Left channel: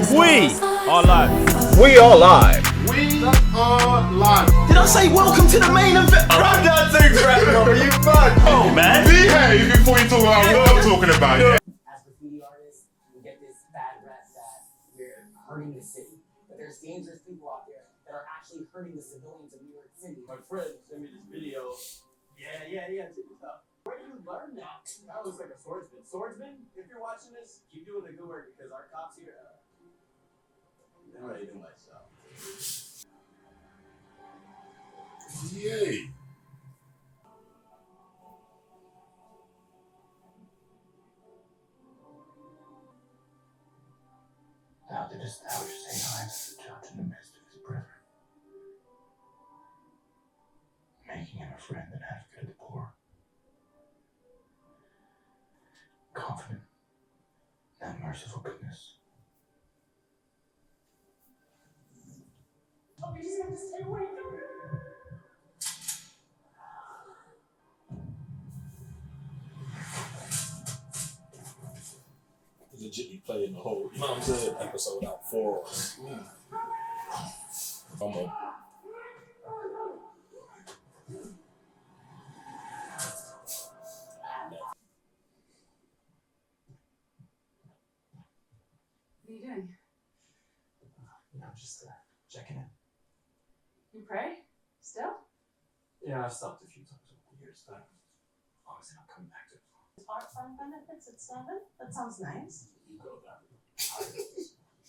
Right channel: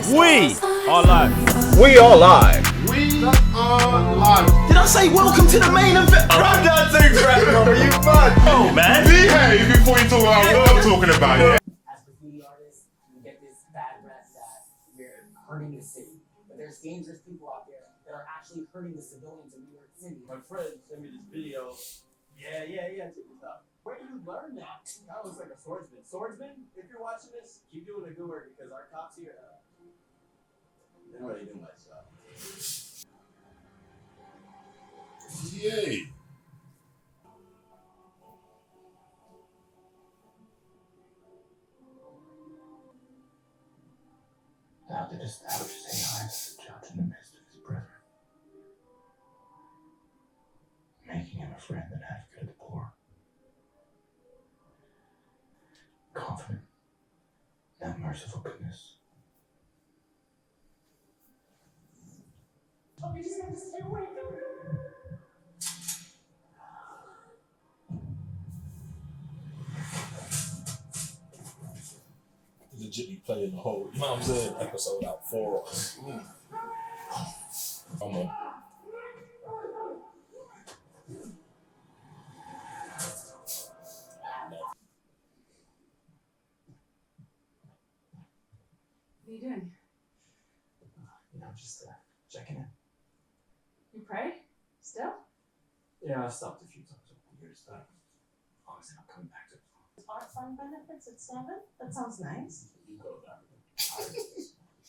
We are live. We are live. We are live. Did I say welcome to the main event? I'm not too crap, brother. You mad? Oh, man. Behave before you talk about what I'm talking about, yeah? As graffiti artists, we get this bad rep that we're hurting the city. But there's dangerous people out there that are actually hurting the civilians of New York City. My friend sent me this video. Yeah, check this out. Where did you learn that? That looks like a swordsman. Swordsman, if you're watching this, keep doing the good work because our cops here, they don't really do much, so. Yay. Thou didst ouch say I as the judge in the midst of his brethren, making him a friend and advocate of the poor, confident in that merciful goodness. Oh, you just have to stay awake. Legitly playing the whole, you know what I'm saying, episode out for us. I'm a What are you doing? Just checking in. You pray? Still? Yeah, I've stopped a few times over the years, but obviously not coming back to it. Art farm benefits at 7? That sounds nice. You go down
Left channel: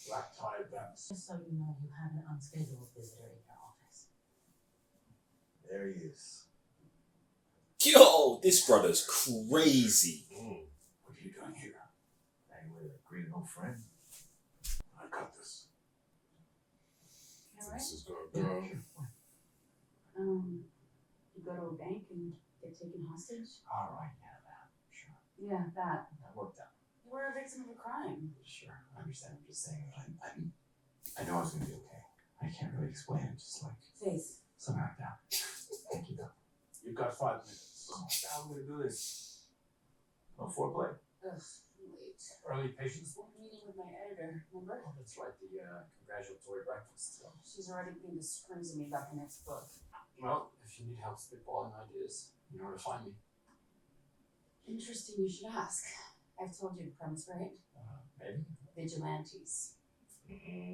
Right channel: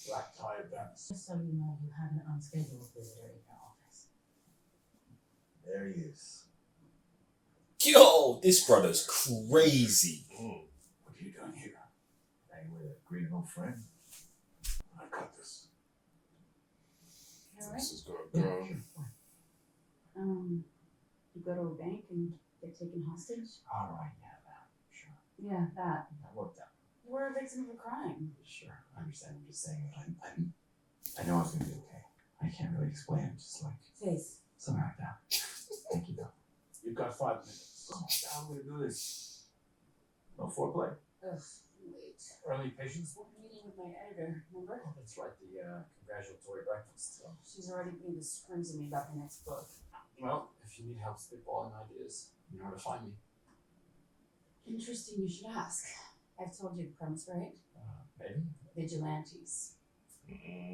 black tie events. Just so you know, you have an unscheduled visitor in your office. There he is. yo, this brother's crazy. What are you doing here? Hanging with a great old friend. I cut this. You alright? This is gonna go. You go to a bank and get taken hostage? Alright, yeah, that. Sure. Yeah, that. That worked out. You were a victim of a crime. Sure, I understand. I'm just saying, I know it's gonna be okay. I can't really explain it, just like Faith. something like that. Thank you, though. You've got 5 minutes. So how am I gonna do this? No foreplay. Ugh, wait. Early patience. Meeting with my editor, remember? Oh, that's right. The congratulatory breakfast. So. She's already putting the screws in me about the next book. Well, if you need help spitballing ideas, you know where to find me. Interesting you should ask. I've told you the premise, right? Maybe. Vigilantes.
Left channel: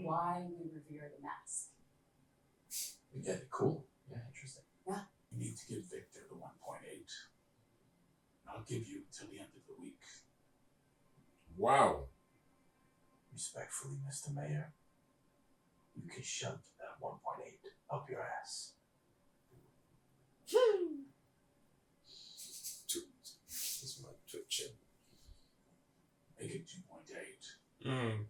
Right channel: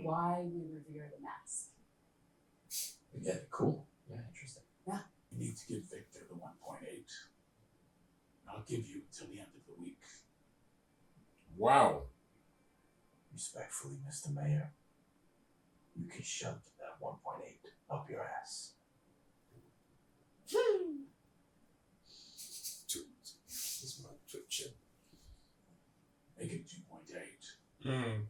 Why we revere the mask. Yeah, cool. Yeah, interesting. Yeah. You need to give Victor the 1.8. I'll give you till the end of the week. Wow. Respectfully, Mr. Mayor, you can shove that 1.8 up your ass. This is my Twitch. Make it 2.8.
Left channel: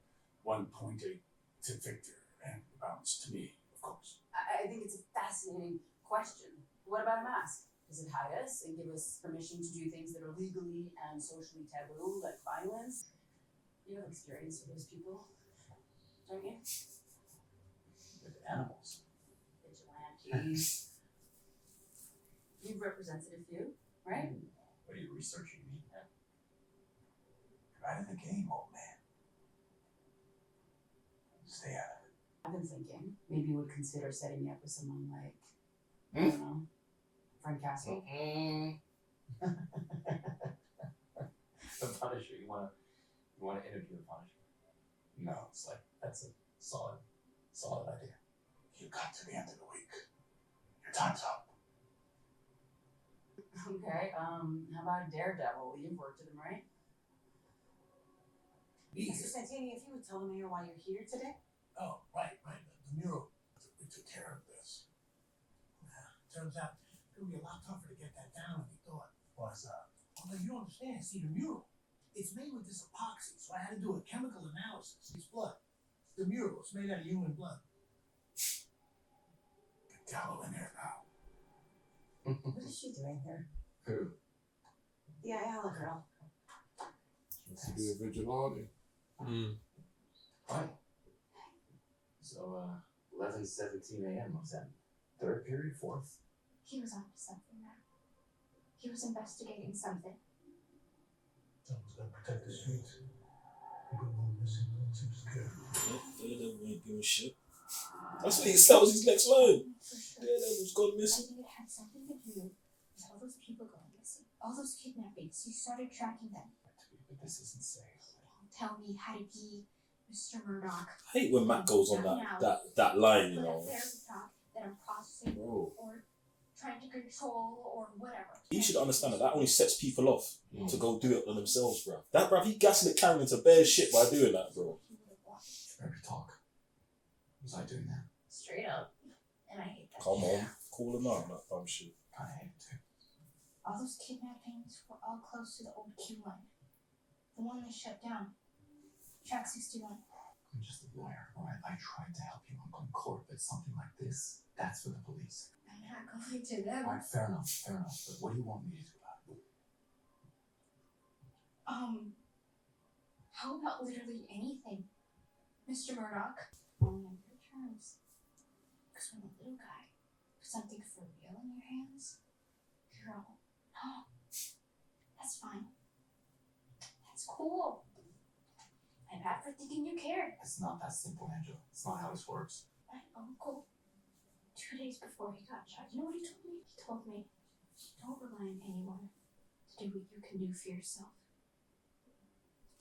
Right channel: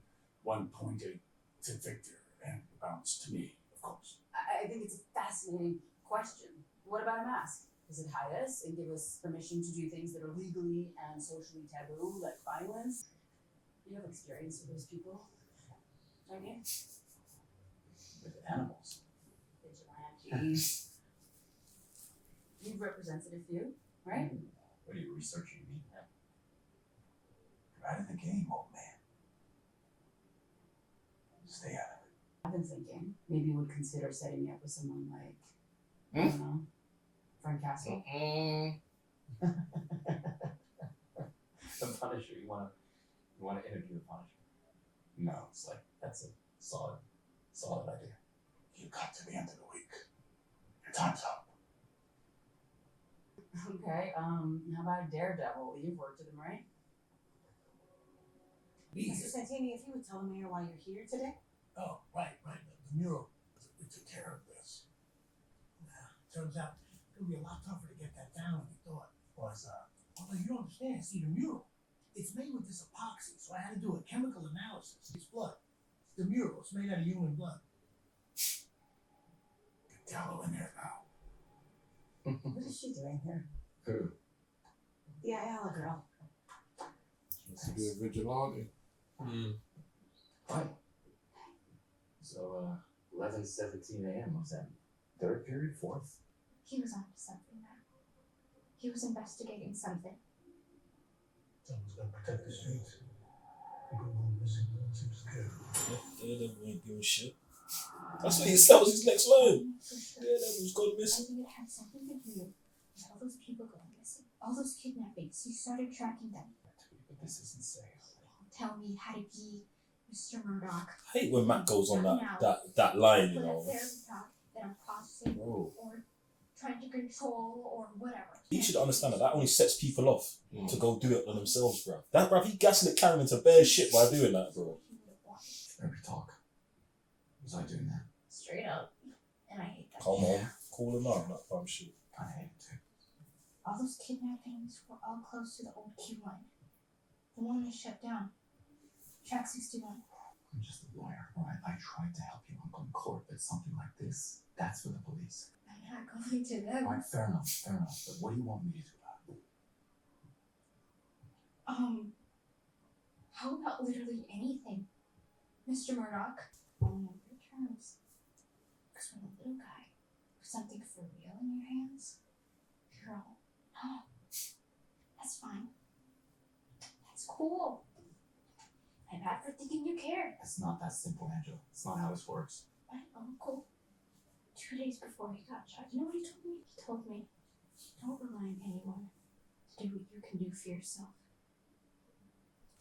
1.8 to Victor and the balance to me, of course. I think it's a fascinating question. What about a mask? Does it hide us and give us permission to do things that are legally and socially taboo, like violence? You have experience with those people, don't you? With animals. Vigilantes. You've represented a few, right? What are you researching me? You're out of the game, old man. Stay out of it. I've been thinking maybe we'd consider setting me up with someone like, I don't know, Frank Castle. The Punisher. You wanna interview the Punisher? No, it's like that's a solid idea. You got to the end of the week. Your time's up. Okay, how about Daredevil? You've worked with him, right? Mr. Santini, if you would tell the mayor why you're here today. Oh, right. The mural. We took care of this. Turns out it would be a lot tougher to get that down than we thought. Well, you don't understand. See, the mural, it's made with this epoxy, so I had to do a chemical analysis. It's blood. It's the mural. It's made out of human blood. Get Gallo in there now. What is she doing here? Who? The Ayala girl. She wants to be a vigilante. Right. So, 11:17 a.m. What's that? Third period, fourth? He was onto something now. He was investigating something. Someone's got to protect the streets. People go missing. Seems scared. Daredevil ain't doing shit. That's what that was his next line. Daredevil's gone I missing. think it had something to do with all those people going missing. All those kidnappings. He started tracking them. But this isn't safe. Tell me how to be Mr. Murdoch. I hate when Matt goes on that line, you Put know. up there at the top that I'm processing Bro. or trying to control or whatever. He should understand that only sets people off to go do it on themselves, bruv. That, bruv, he gaslit Karen into bare shit by doing that, bro. Every talk. Was I doing that? Straight up. And I hate that. Come on, call him out, that dumb shit. I hate it too. All those kidnappings were all close to the old Q line. The one they shut down. Track 61. I'm just a lawyer, alright? I tried to help you uncle in court, but something like this, that's for the police. I'm not going to them. Alright, fair enough. But what do you want me to do about it? How about literally anything? Mr. Murdoch? On your terms. Because when a little guy, something for real in your hands, you're all, no, that's fine. That's cool. I'm not for thinking you care. It's not that simple, Angela. It's not how this works. My uncle, 2 days before he got shot, you know what he told me? He told me, don't rely on anyone to do what you can do for yourself.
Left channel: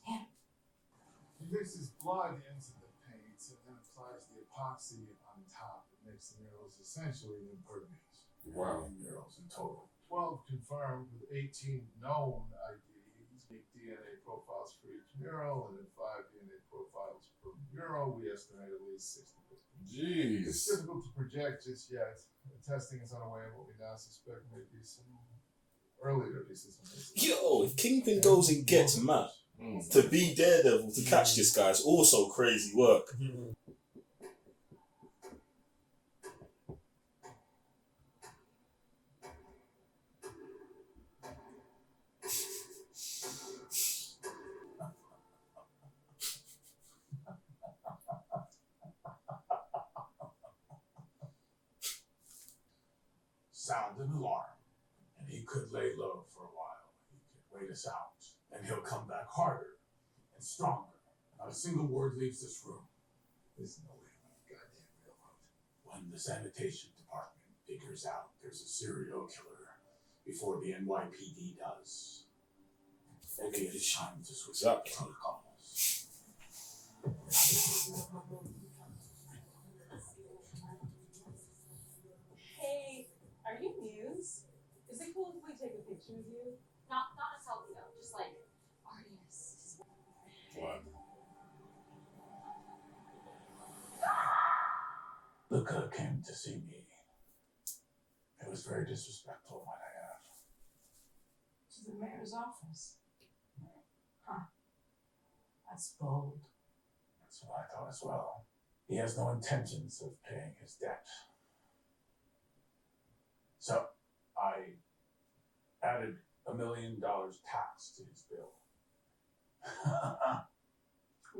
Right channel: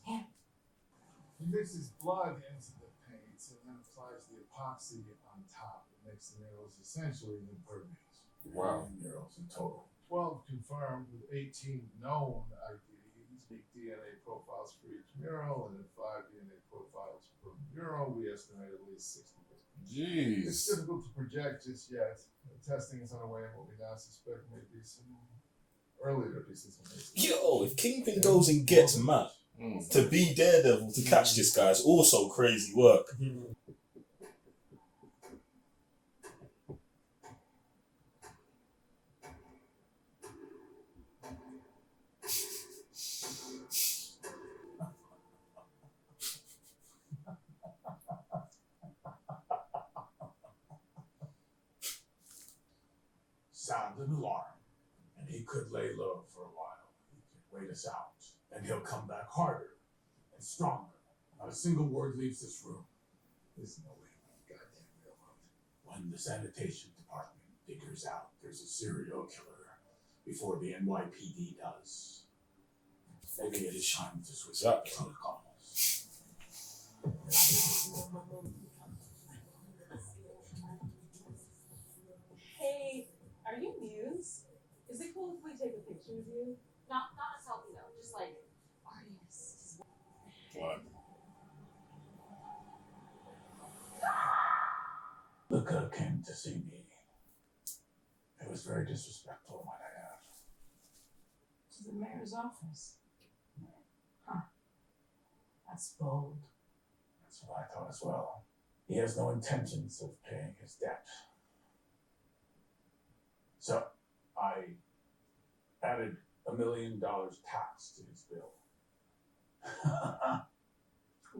Yeah. He mixes blood into the paints and then applies the epoxy on top. It makes the murals essentially impervious. Wow. Murals in total. 12 confirmed with 18 known IDs. Make DNA profiles for each mural, and then 5 DNA profiles per mural. We estimate at least 60. Jeez. It's difficult to project just yet. The testing is underway, and what we now suspect may be some earlier pieces. Yo, if Kingpin goes and gets Matt to be Daredevil to catch this guy is also crazy work. Sound an alarm, and he could lay low for a while. He could wait us out, and he'll come back harder and stronger. Not a single word leaves this room. There's no way on a goddamn railroad. When the sanitation department figures out there's a serial killer before the NYPD does, maybe it's time to switch Exactly. protocols. Hey, are you Muse? Is it cool if we take a picture of you? Not a selfie though, just like artists. What? Luca came to see me. It was very disrespectful, might I add. To the mayor's office. Huh. That's bold. That's what I thought as well. He has no intentions of paying his debt. So, I added $1 million tax to his bill.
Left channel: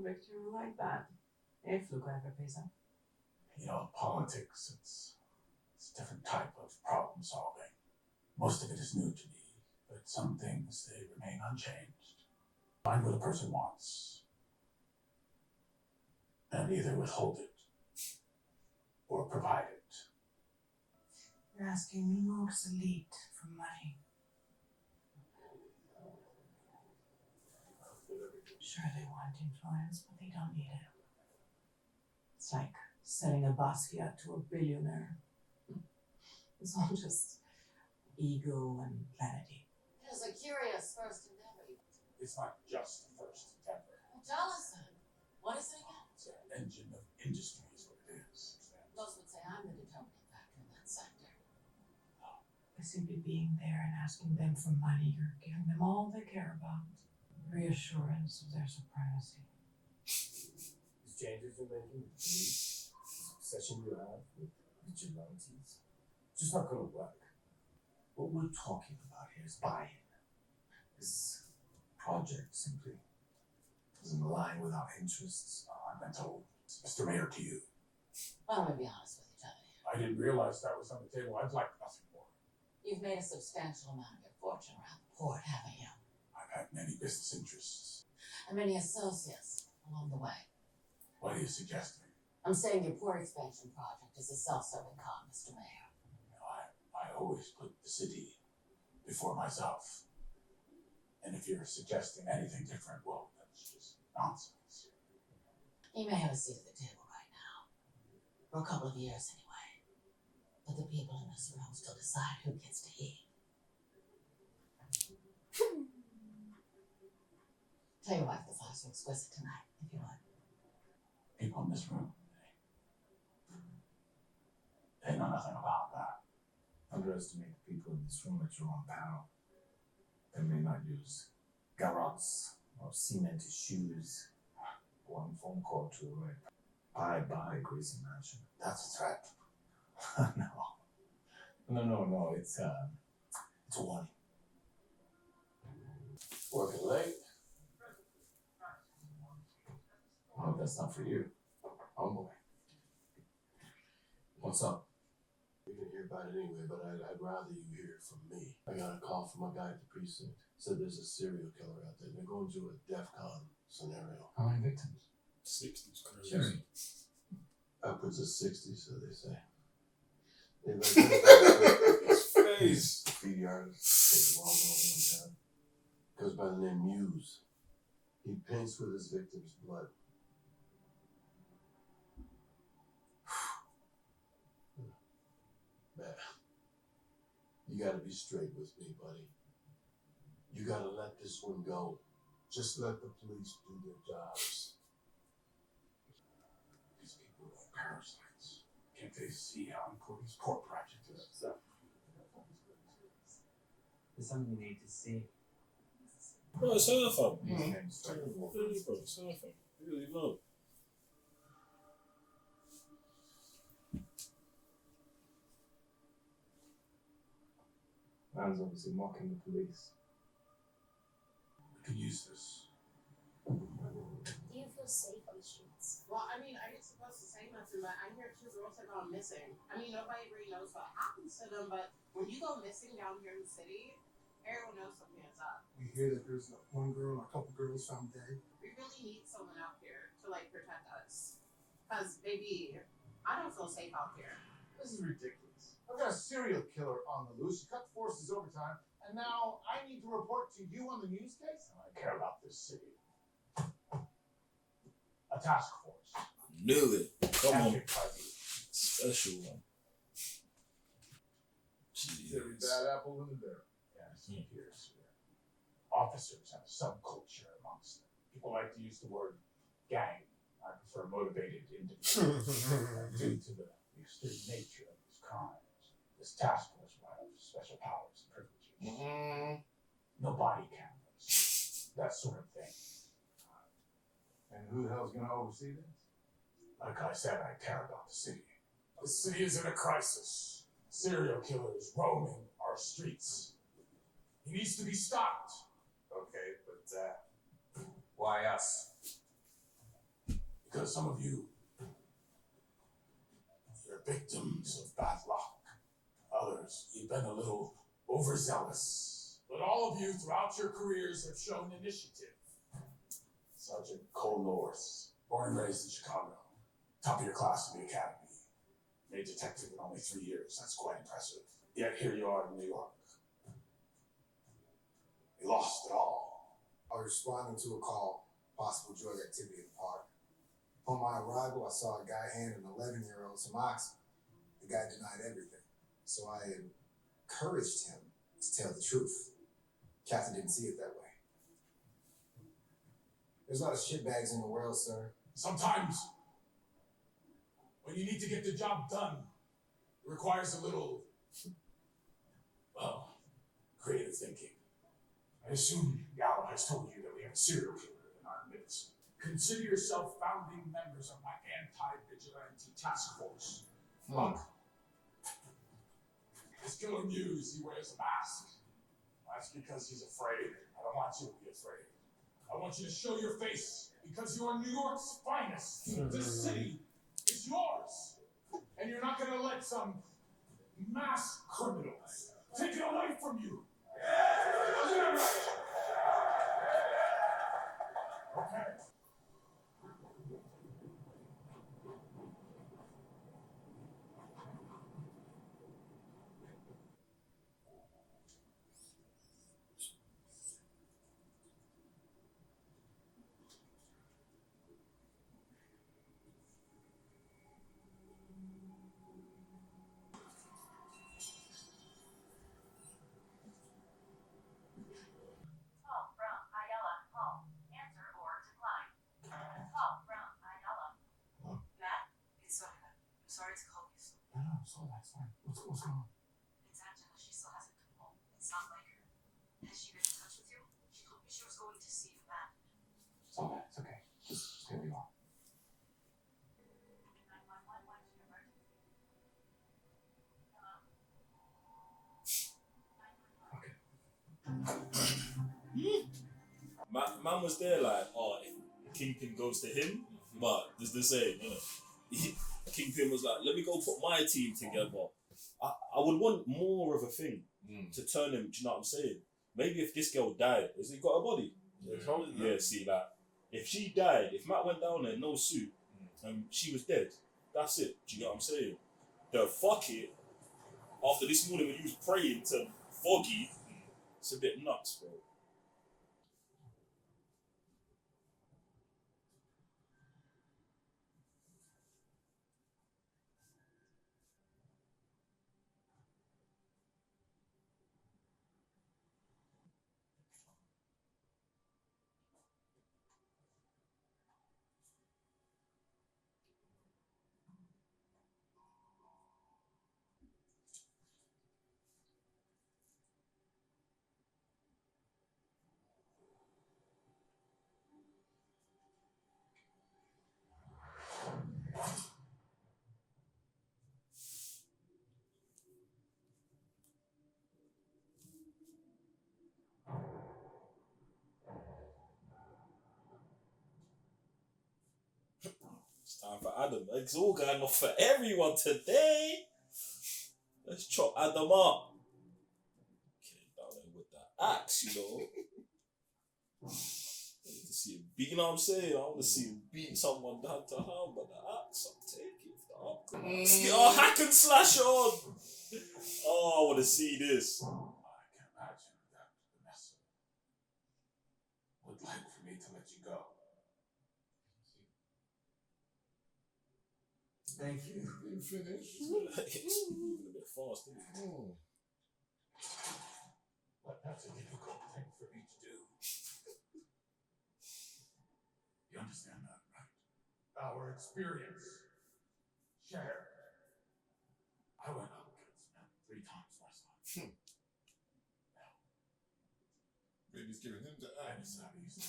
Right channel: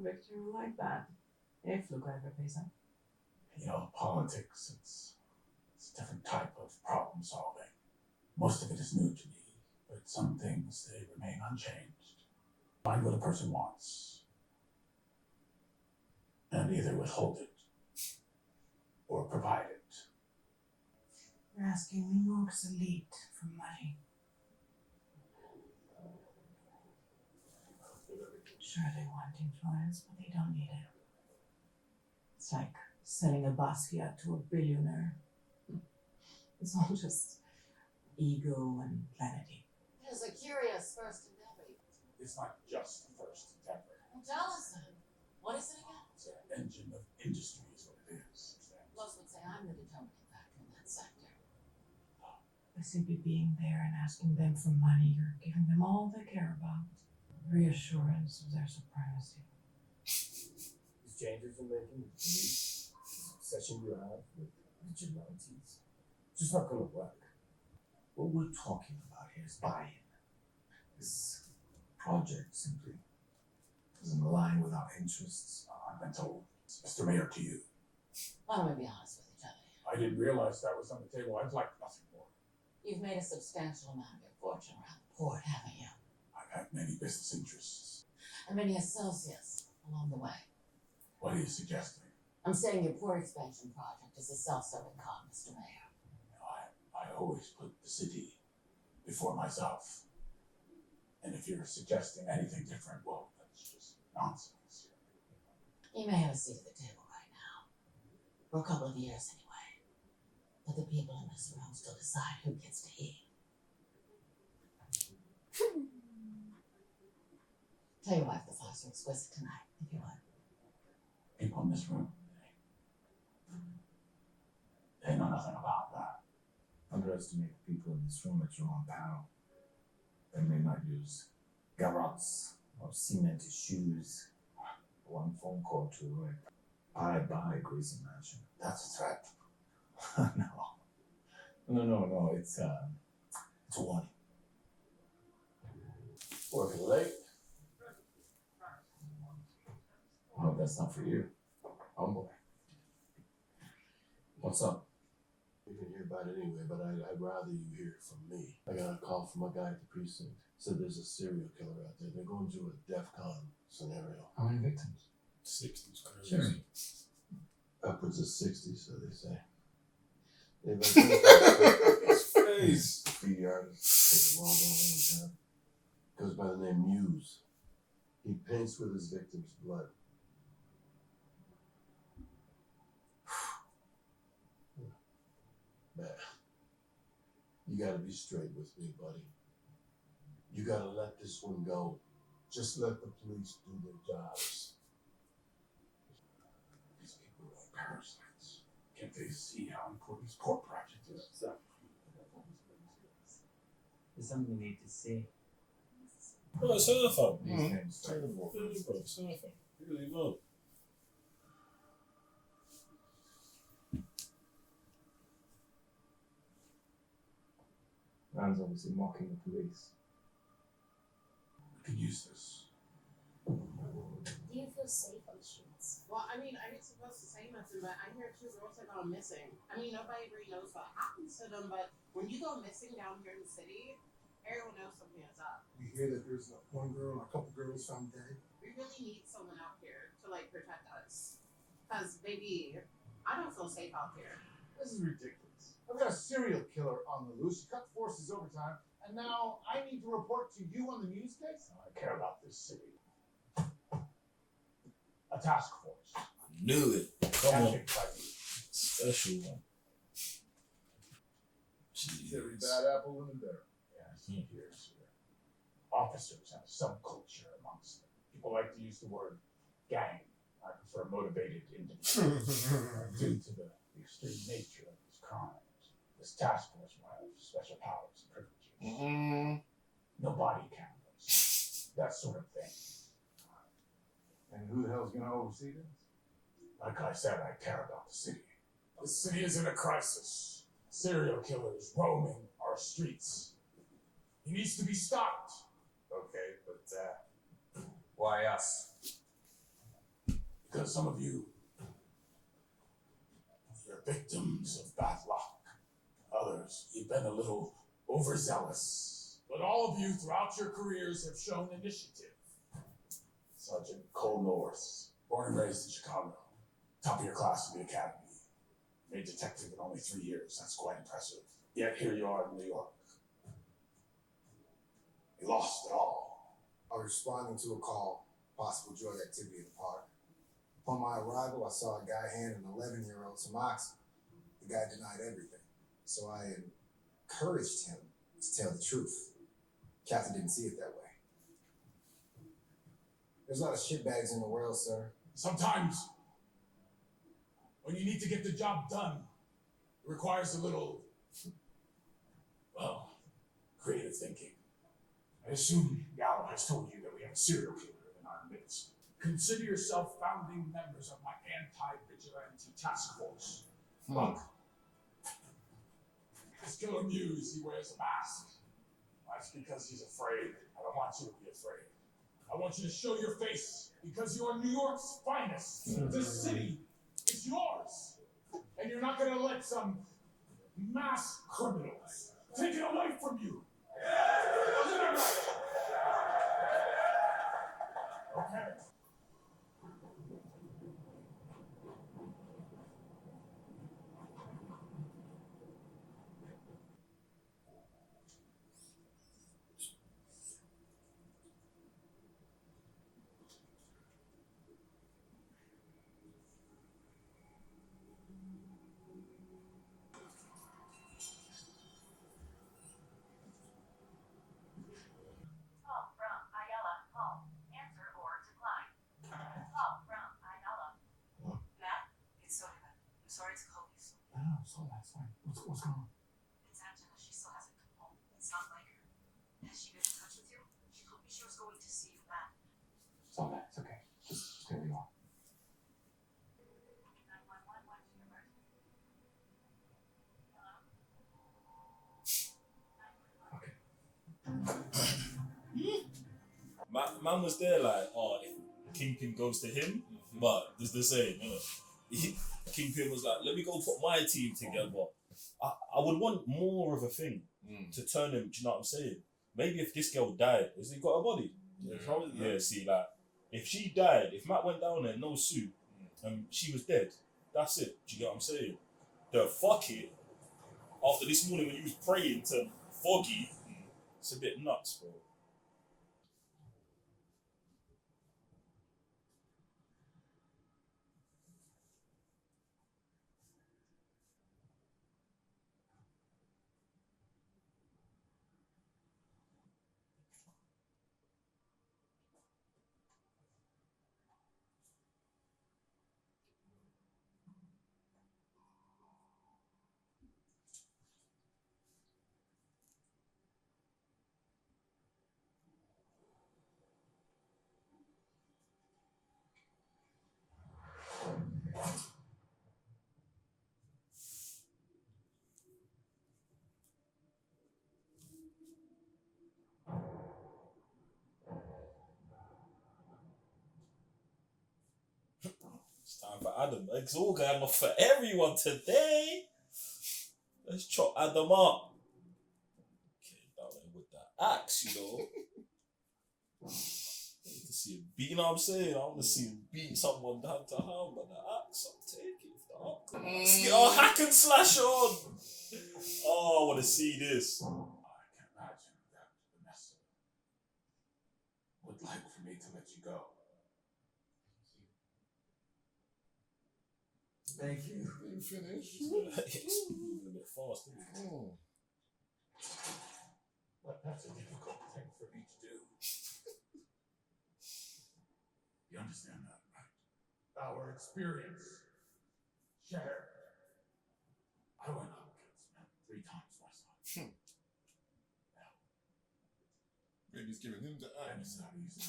Victor will like that. If Luca ever pays up. You know, politics, it's a different type of problem solving. Most of it is new to me, but some things, they remain unchanged. Find what a person wants, and either withhold it or provide it. You're asking New York's elite for money. Sure, they want influence, but they don't need it. It's like selling a Basquiat to a billionaire. It's all just ego and vanity. It is a curious first endeavor. It's not just the first endeavor. Well, tell us then. What is it again? It's an engine of industry is what it is. Most would say I'm the determining factor in that sector. By simply being there and asking them for money, you're giving them all they care about. Reassurance of their supremacy. These changes you're making with the police, obsession you have with vigilantes, it's just not gonna work. What we're talking about here is buy-in. This project simply doesn't align with our interests. I've been told, Mr. Mayor, to you. Why don't we be honest with each other? I didn't realize that was on the table. I'd like nothing more. You've made a substantial amount of your fortune around the port, haven't you? I've had many business interests. And many associates along the way. What are you suggesting? I'm saying your port expansion project is a self-serving con, Mr. Mayor. I always put the city before myself. And if you're suggesting anything different, well, that's just nonsense. You may have a seat at the table right now. For a couple of years, anyway. But the people in this room still decide who gets to eat. Tell your wife the flowers are exquisite tonight, if you would. People in this room, they know nothing about that. Underestimate the people in this room at your own peril. They may not use garrots or cemented shoes. One phone call to the right. I buy Greasy Mansion. That's a threat. No. It's a warning. Working late. Oh, that's not for you. Oh boy. What's up? You can hear about it anyway, but I'd rather you hear it from me. I got a call from a guy at the precinct. Said there's a serial killer out there. They're going through a DEFCON scenario. How many victims? 60's crazy. Jerry. Upwards of 60, so they say. They've His face. graffiti artist, well known in town. Goes by the name Muse. He paints with his victims' blood. Man, you gotta be straight with me, buddy. You gotta let this one go. Just let the police do their jobs. These people are parasites. Can't they see how important this port project is? There's something you need to see. Bro, it's her fam. These names start to walk. Really, bro, it's her fam. Really low. Man's obviously mocking the police. We could use this. Do you feel safe on the streets? Well, I mean, I ain't supposed to say nothing, but I hear 2 girls have gone missing. I mean, nobody really knows what happens to them, but when you go missing down here in the city, everyone knows something is up. We hear that there's one girl or a couple girls found dead. We really need someone out here to, like, protect us. Because, baby, I don't feel safe out here. This is ridiculous. I've got a serial killer on the loose. You cut forces overtime, and now I need to report to you on the news case? I care about this city. A task force. Knew it. Come on. Handpicked by me. Special one. Every Jeez. bad apple in the barrel. Yes, here's here. Officers have a subculture amongst them. People like to use the word gang. I prefer motivated individuals. Due to the extreme nature of these crimes, this task force will have special powers and privileges. No body cameras. That sort of thing. And who the hell's gonna oversee this? Like I said, I care about the city. The city is in a crisis. Serial killers roaming our streets. He needs to be stopped. Okay, but why us? Because some of you, you're victims of bad luck. Others, you've been a little overzealous. But all of you throughout your careers have shown initiative. Sergeant Cole North, born and raised in Chicago. Top of your class in the academy. Made detective in only 3 years. That's quite impressive. Yet here you are in New York. You lost it all. I was responding to a call, possible drug activity in the park. Upon my arrival, I saw a guy hand an 11-year-old some oxy. The guy denied everything, so I encouraged him to tell the truth. Captain didn't see it that way. There's a lot of shitbags in the world, sir. Sometimes, when you need to get the job done, it requires a little, well, creative thinking. I assume Yao has told you that we have a serial killer in our midst. Consider yourself founding members of my anti-vigilante task force. Look, this killer Muse, he wears a mask. That's because he's afraid. I don't want you to be afraid. I want you to show your face because you are New York's finest. This city is yours. And you're not going to let some mass criminals take it away from you. Isn't that right? Okay. So that's fine. What's going on? It's Angela. She still hasn't come home. It's not like her. Has she been in touch with you? She told me she was going to see the man. It's all right. It's okay. Just stay where you are. 911, what is your birth? Hello? Man was there like, oh, if Kingpin goes to him, but there's the same, you know. Kingpin was like, let me go put my team together. I would want more of a thing to turn him, do you know what I'm saying? Maybe if this girl died, has he got a body? Yeah, see, like, if she died, if Matt went down there, no suit, and she was dead, that's it, do you know what I'm saying? The fuck it, after this morning when you was praying to Foggy, it's a bit nuts, bro. It's time for Adam. It's all going off for everyone today. Let's chop Adam up. Okay, down there with that axe, you know. I want to see him beat, you know what I'm saying? I want to see him beat someone hand to hand, but the axe, I'll take it. If the upgrade. Oh, hack and slash on! Oh, I want to see this. I can imagine that Vanessa would like for me to let you go. Thank you. You finished? It's moving a bit fast, isn't it? But that's a difficult thing for me to do. You understand that, right? Our experience shared. I went up against him 3 times last time. Maybe he's giving him the And axe. it's not easy.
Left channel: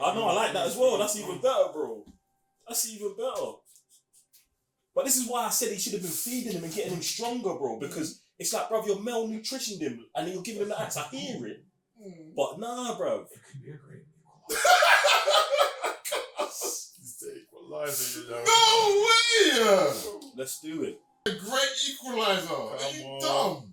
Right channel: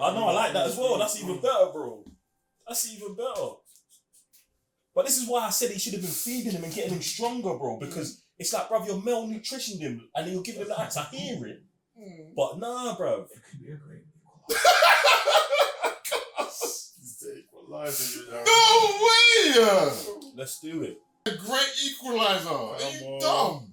I know, I like that as well. That's even better, bro. That's even better. But this is why I said he should have been feeding him and getting him stronger, bro. Because it's like, bruv, you're malnutritioning him and then you're giving him the axe. I hear it. But nah, bruv. It could be a great Equalizer, you know. No way! Let's do it. A great equalizer. Are you dumb?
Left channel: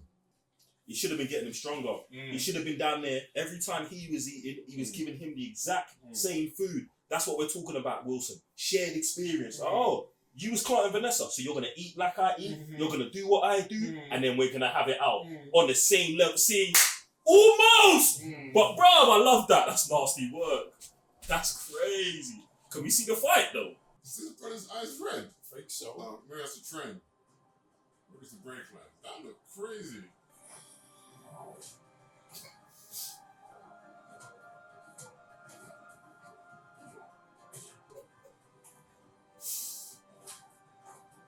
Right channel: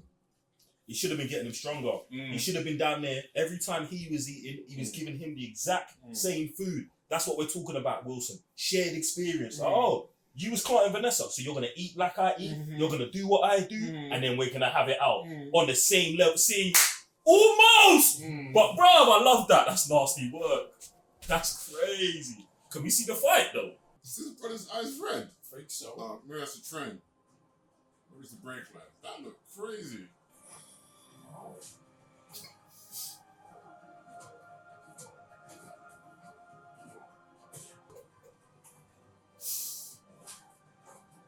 He should have been getting him stronger. He should have been down there. Every time he was eating, he was giving him the exact same food. That's what we're talking about, Wilson. Shared experience. Oh, you was Clark and Vanessa, so you're going to eat like I eat. You're going to do what I do. And then we're going to have it out on the same level. See, almost! But, bro, I love that. That's nasty work. That's crazy. Can we see the fight, though? Is his brother's eyes red? I think so. Maybe that's a trend. Maybe it's a break line. That looked crazy.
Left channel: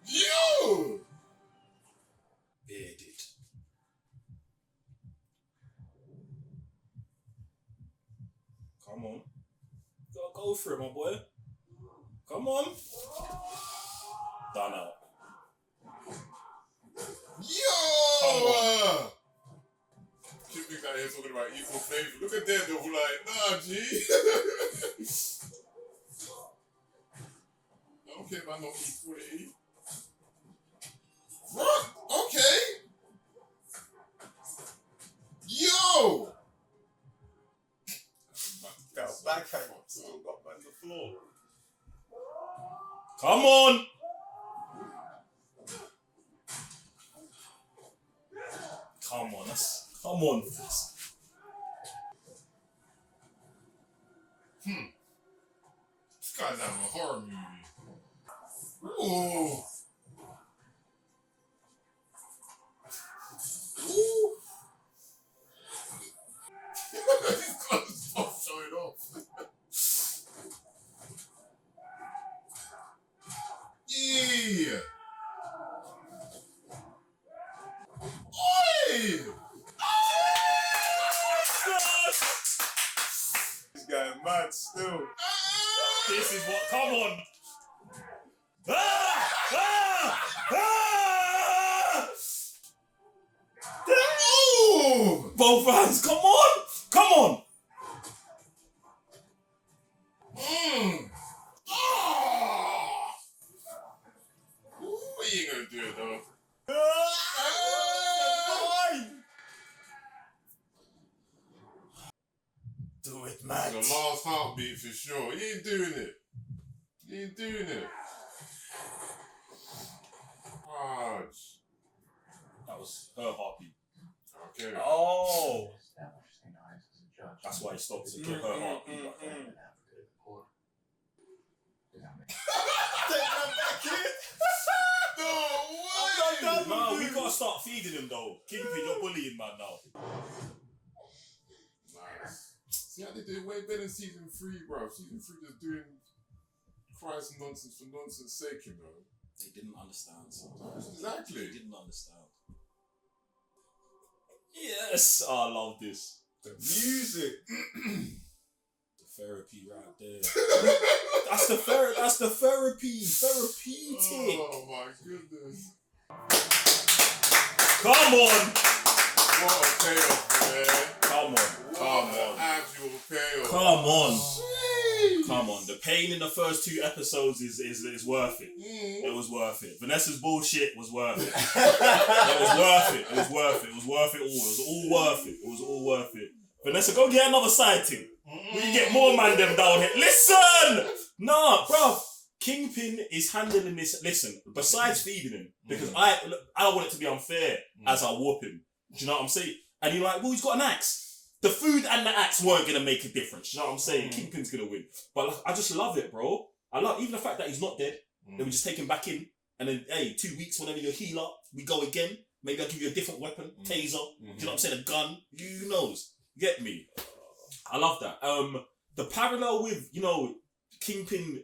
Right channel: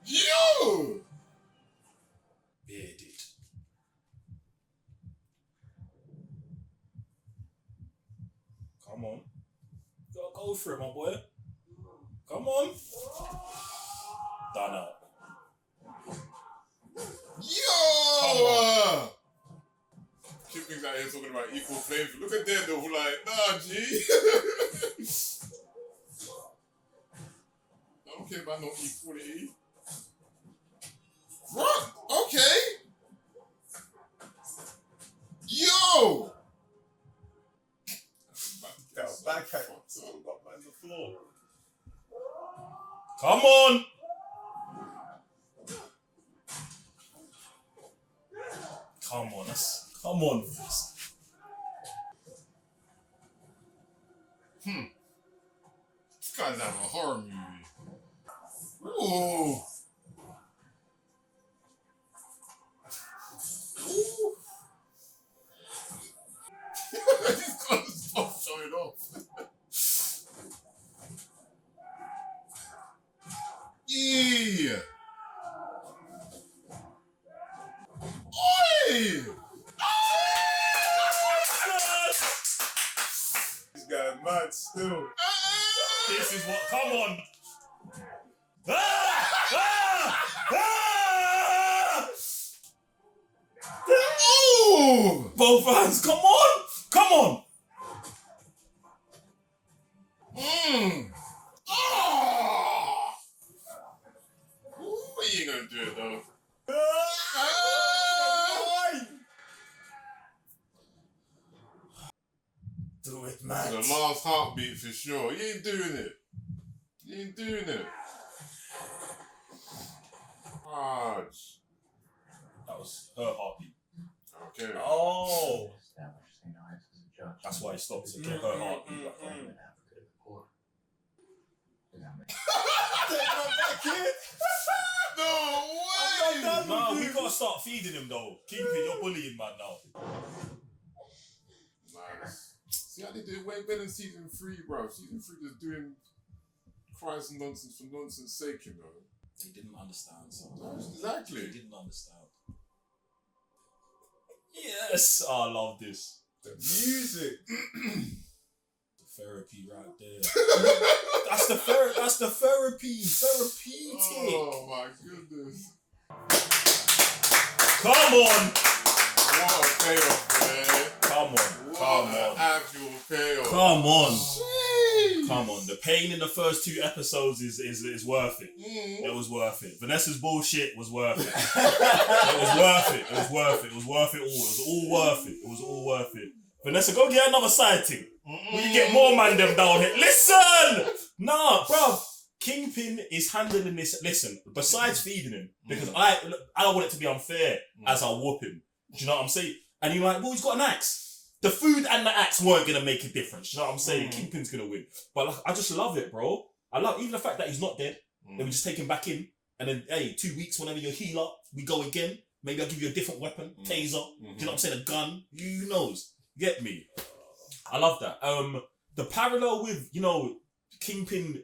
Yo! Bearded. Come on. Go for it, my boy. Come on. Done out. Yo! Kingpin's out here talking about equal playing field. Look at Daredevil, like, nah, G. I don't care about no equality. What? Okay. Yo! Backhand. Got back on the floor. Come on. Come on. Come on. This guy's out of a horror movie. Ooh. Ooh. He's got his mouth showing off. Yeah. This is what. Come on. Ah! Ah! Ah! Ooh! Both hands. Come on. Come on. Oh! What you gonna do, though? Do it, To man. the last heartbeat for sure. You ain't doing it. You ain't doing it. Hard. That was her heartbeat. Okay. Oh. Established St. Ives as a judge. That's why he stopped to get her heartbeat back on. In Africa to the court. Did I make Take that kid. No way! No, we gotta start feeding him though. Kingpin, you're bullying man now. Nice. See how they did way better in season 3, bro. Season 3 just doing cries and nonsense for nonsense sake, you know. They didn't understand. So. Exactly. They didn't understand. Yes, oh, I love this. The music. The therapy right there. That's the therapy. Therapeutic. Oh my goodness. Come on. What a payoff, man. Come on. What an actual payoff. Come on. Jeez. Come on. The pain in the first 2 episodes is worth it. It was worth it. Vanessa's bullshit was worth it. It was worth it. It was worth it. It was worth it all. It was all worth it. It was all worth it. Vanessa, go get another sighting. We can get more man them down here. Listen! Nah, bruv. Kingpin is handling this. Listen, besides feeding him, because I don't want it to be unfair as I whoop him. Do you know what I'm saying? And you're like, well, he's got an axe. The food and the axe weren't gonna make a difference. Do you know what I'm saying? Kingpin's gonna win. But like, I just love it, bro. I love even the fact that he's not dead. Then we just take him back in, and then 2 weeks, whenever you're healer, we go again. Maybe I'll give you a different weapon, taser. Do you know what I'm saying? A gun. Who knows? Get me? I love that. The parallel with Kingpin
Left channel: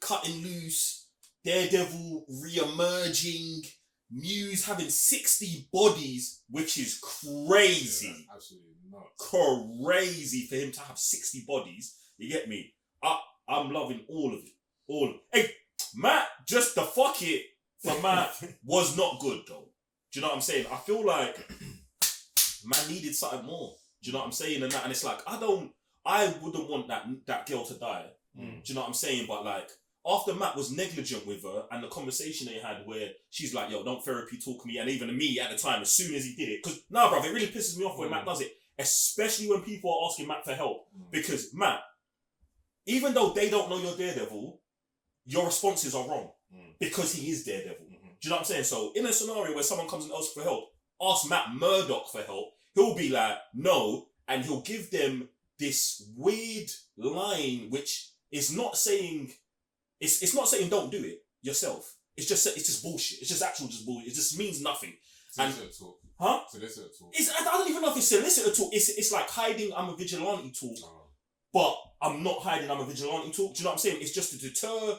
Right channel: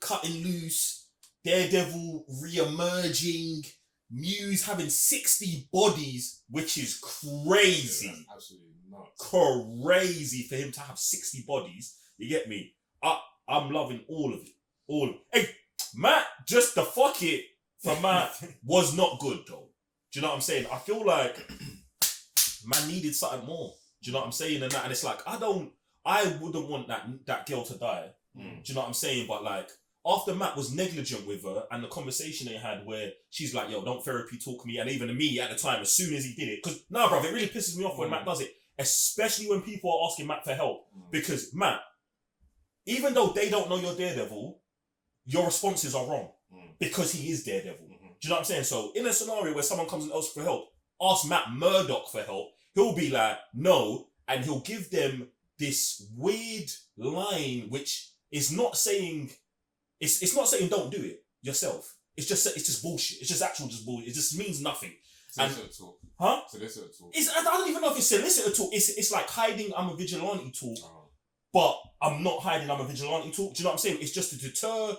cutting loose, Daredevil re-emerging, Muse having 60 bodies, which is crazy. Yeah, absolutely nuts. Crazy for him to have 60 bodies. You get me? I'm loving all of it. Hey, Matt, just the fuck it for Matt was not good though. Do you know what I'm saying? I feel like man needed something more. Do you know what I'm saying? And it's like, I wouldn't want that girl to die. Do you know what I'm saying? But like, after Matt was negligent with her and the conversation they had where she's like, yo, don't therapy talk me. And even me at the time, as soon as he did it, because bruv, it really pisses me off when Matt does it, especially when people are asking Matt for help. Because Matt, even though they don't know you're Daredevil, your responses are wrong because he is Daredevil. Do you know what I'm saying? So in a scenario where someone comes and asks for help, ask Matt Murdock for help, he'll be like, no, and he'll give them this weird line which is not saying, it's not saying don't do it yourself. It's just bullshit. It's just bullshit. It just means nothing. Solicitor talk. Huh? Solicitor talk. I don't even know if it's solicitor talk. It's like hiding I'm a vigilante talk, but I'm not hiding I'm a vigilante talk. Do you know what I'm saying? It's just to deter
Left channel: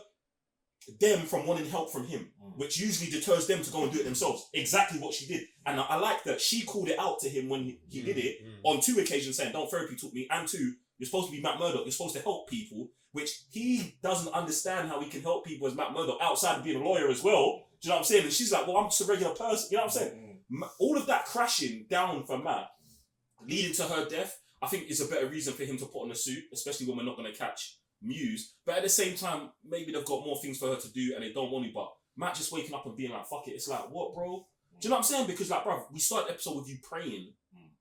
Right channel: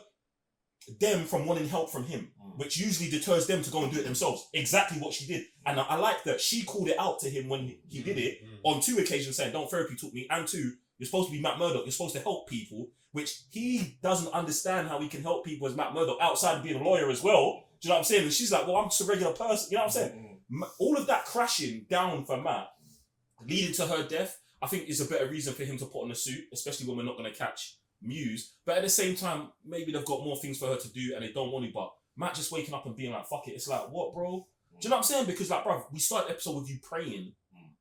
them from wanting help from him, which usually deters them to go and do it themselves. Exactly what she did. And I like that she called it out to him when he did it on 2 occasions saying, don't therapy talk me. And 2, you're supposed to be Matt Murdock. You're supposed to help people, which he doesn't understand how he can help people as Matt Murdock outside of being a lawyer as well. Do you know what I'm saying? And she's like, well, I'm just a regular person. You know what I'm saying? All of that crashing down for Matt, leading to her death, I think is a better reason for him to put on a suit, especially when we're not going to catch Muse. But at the same time, maybe they've got more things for her to do and they don't want to. But Matt just waking up and being like, fuck it. It's like, what, bro? Do you know what I'm saying? Because like, bro, we started the episode with you praying.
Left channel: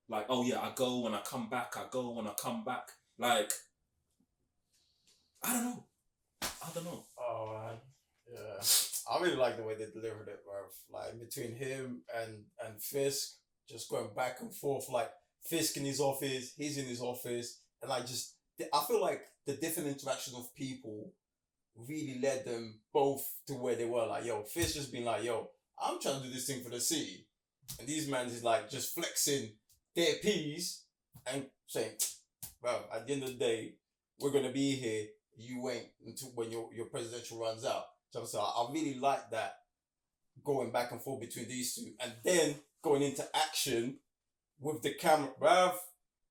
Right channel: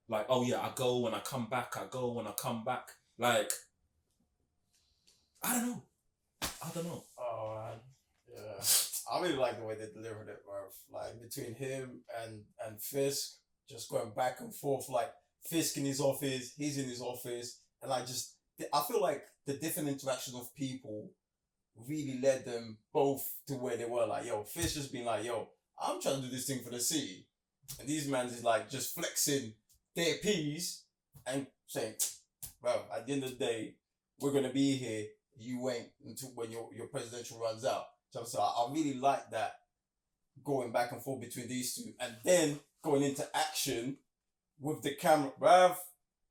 Like, oh yeah, I go and I come back. I go and I come back. Like, I don't know. Oh man, yeah. I really like the way they delivered it, bro. Like between him and Fisk, just going back and forth. Like Fisk in his office, he's in his office, and like just I feel like the different interaction of people really led them both to where they were. Like, yo, Fisk just being like, yo, I'm trying to do this thing for the city, and these men is like just flexing their peas and saying, bro, at the end of the day, we're gonna be here. You ain't until when your presidential runs out. So I really like that going back and forth between these two, and then going into action with the camera, bruv.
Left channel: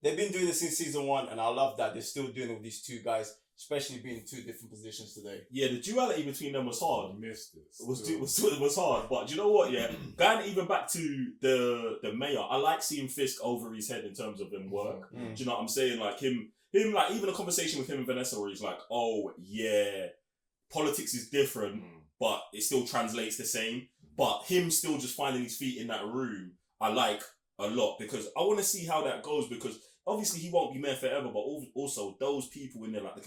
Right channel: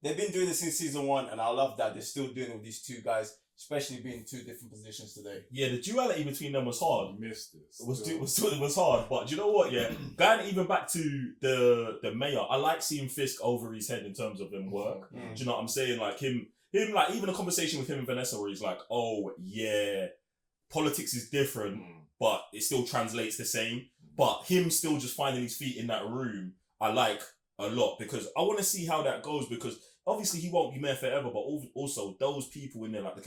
They've been doing this since season 1, and I love that they're still doing it with these two guys especially being in two different positions today. Yeah, the duality between them was hard. Missed it. It was hard, but do you know what? Yeah, going even back to the mayor, I like seeing Fisk over his head in terms of him work. Do you know what I'm saying? Like him, like even a conversation with him and Vanessa where he's like, "Oh yeah, politics is different, but it still translates the same." But him still just finding his feet in that room, I like a lot because I want to see how that goes because. Obviously, he won't be mayor forever, but also those people in there, like the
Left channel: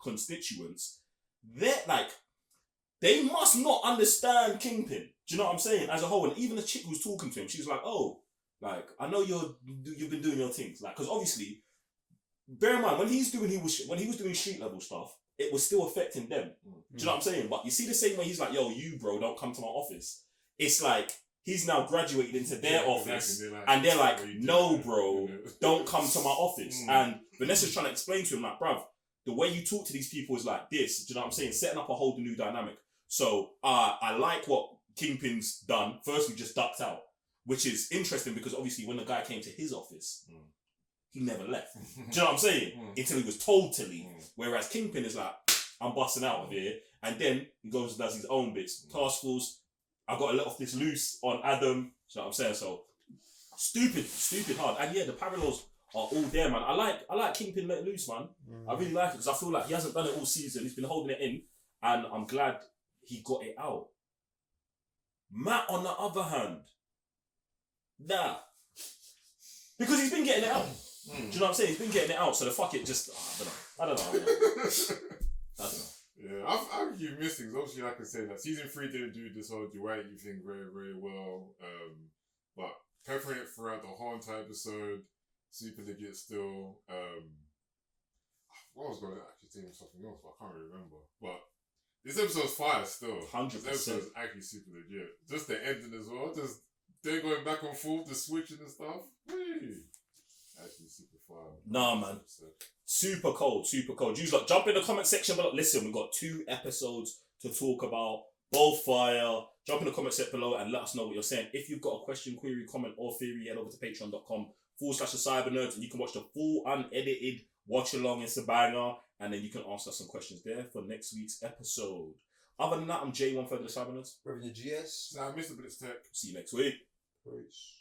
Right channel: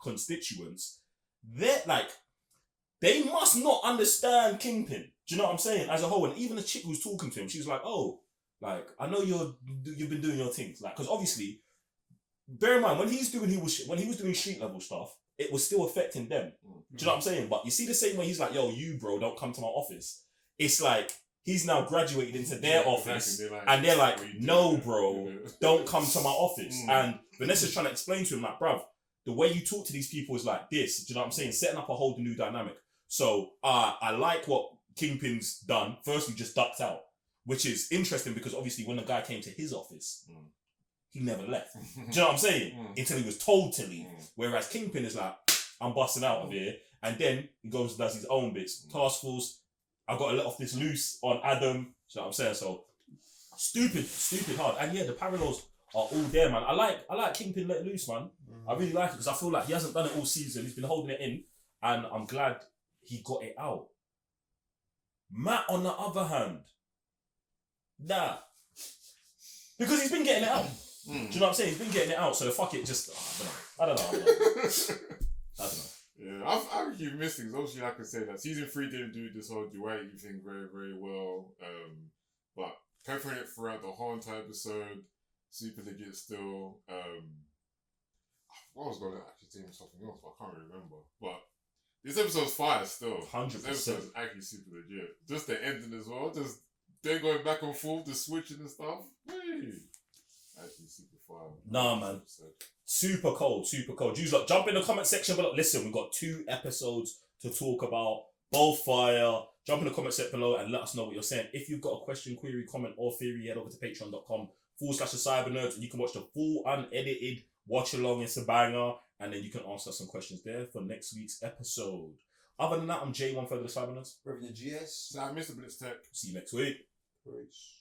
constituents, they're like, they must not understand Kingpin. Do you know what I'm saying? As a whole, and even the chick who's talking to him, she was like, "Oh, like I know you've been doing your things, like because obviously, bear in mind when he was doing street level stuff, it was still affecting them. Do you know what I'm saying? But you see the same way he's like, "Yo, you bro, don't come to my office." It's like. He's now graduated into their office, and they're like, "No, bro, don't come to my office." And Vanessa's trying to explain to him, like, "Bruv, the way you talk to these people is like this." Do you know what I'm saying? Setting up a whole new dynamic. So I like what Kingpin's done. First, he just ducked out, which is interesting because obviously when the guy came to his office, he never left. Do you know what I'm saying? Until he was told to leave. Whereas Kingpin is like, "I'm busting out of here," and then he goes and does his own bits. Task force. I've got to let off this loose on Adam. You know what I'm saying? So stupid hard. And yeah, the parallels are all there, man. I like Kingpin let loose, man. I really like it because I feel like he hasn't done it all season. He's been holding it in, and I'm glad he got it out. Matt, on the other hand, nah, because he's been getting it out. Do you know what I'm saying? He's been getting it out. So the fuck it, just I don't know. Yeah, I keep missing. Obviously, like I said, like season 3 didn't do this whole duality thing very, very well. But peppering it throughout the whole entire episode, super legit still. I was going to actually say something else, but I can't remember. But this episode's fire still. 100%. This episode's actually super legit. Just the ending as well. Just them going back and forth, the switching and stuff. Hey. Actually super fire. Nah, man. Super cold. You lot jump in the comment section below. Listen, we've got 2 episodes to talk about. Both fire. Jump in the comment section below and let us know what you're saying. If you've got a question, query, comment, or theory, head over to patreon.com/thecybernerds and you can watch the full unedited watch along. It's a banger. And then you can ask us some questions there for next week's episode. Other than that, I'm J1 for the Cybernerds. Reverend GS. Mr. Blitz Tech. See you next week. Peace.